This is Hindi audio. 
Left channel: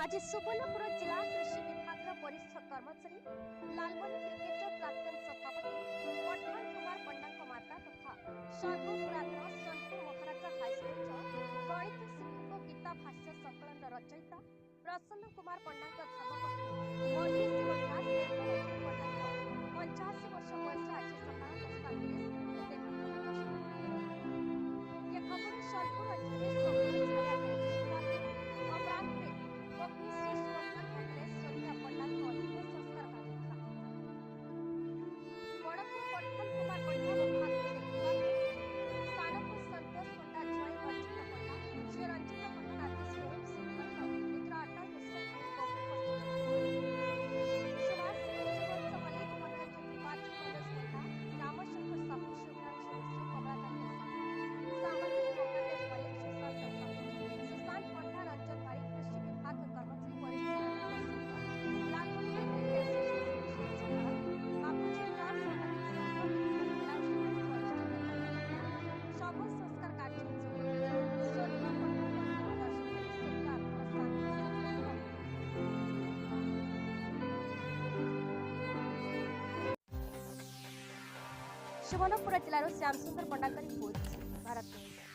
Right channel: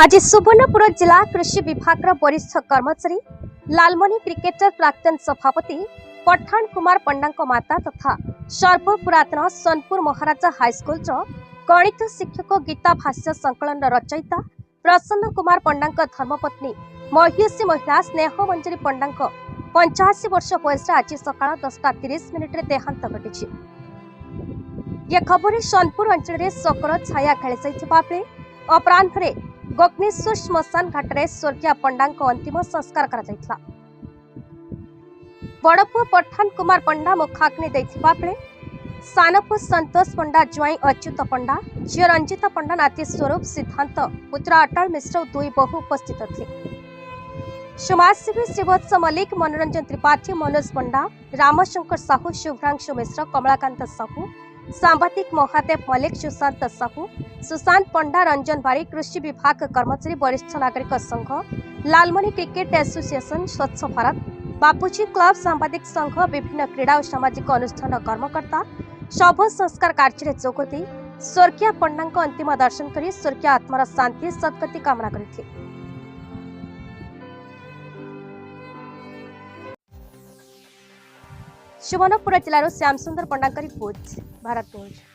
आज सुवर्णपुर जिला कृषि विभाग वरिष्ठ कर्मचारी लालमनी क्रिकेटर प्राक्तन सभापति पठान कुमार पंडा माता तथा सर्वपुरातन सोनपुर महाराजा हाईस्कूल गणित शिक्षक गीता भाष्य संकलन रचयिता प्रसन्न कुमार पंडा धर्मपत्नी महिषी महिला स्नेह मंजरी पंडा 85 वर्ष बयस आज सका 10:30 देहांत घटी। यह खबर सोनपुर अंचल शोकर छाया खेली अपराह गग्नेश्वर श्मशान घाट में स्वर्गीय पंडा अंतिम संस्कार करा। बड़पुआ पठान कुमार पंडा मुखाग्नि देथिबा बेले सानपुर संतोष पंडा ज्वाई अच्युत पंडा झील रंजिता पंडा नाती स्वरूप सिद्धांत पुत्र अटल मिश्र दुई बहु उपस्थित थे। समाजसेवी श्रीवत्स मल्लिक मनोरंजन त्रिपाठी मनोज पंडा रामशंकर साहू शुभ्रांशु मिश्र कमलाकांत साहू सांबादिक महादेव मल्लिक सुशांत साहू सुशांत पंडा रंजन बारी कृषि विभाग कर्मचारी वरिष्ठ नागरिक संघ लालमनी क्रिकेट एसोसिएशन स्वच्छ भारत बापूजी क्लब सांबादिक संघ विभिन्न क्रीड़ा और सामाजिक अनुष्ठान कर्मकर्ता शव संस्कार कार्य जोगदे स्वर्गीय पंडा अंतिम दर्शन कर स्वर्गीय आत्मार शांति सद्गति कामना करते। सुवर्णपुर जिलार श्याम सुंदर पंडा रिपोर्ट भारत न्यूज।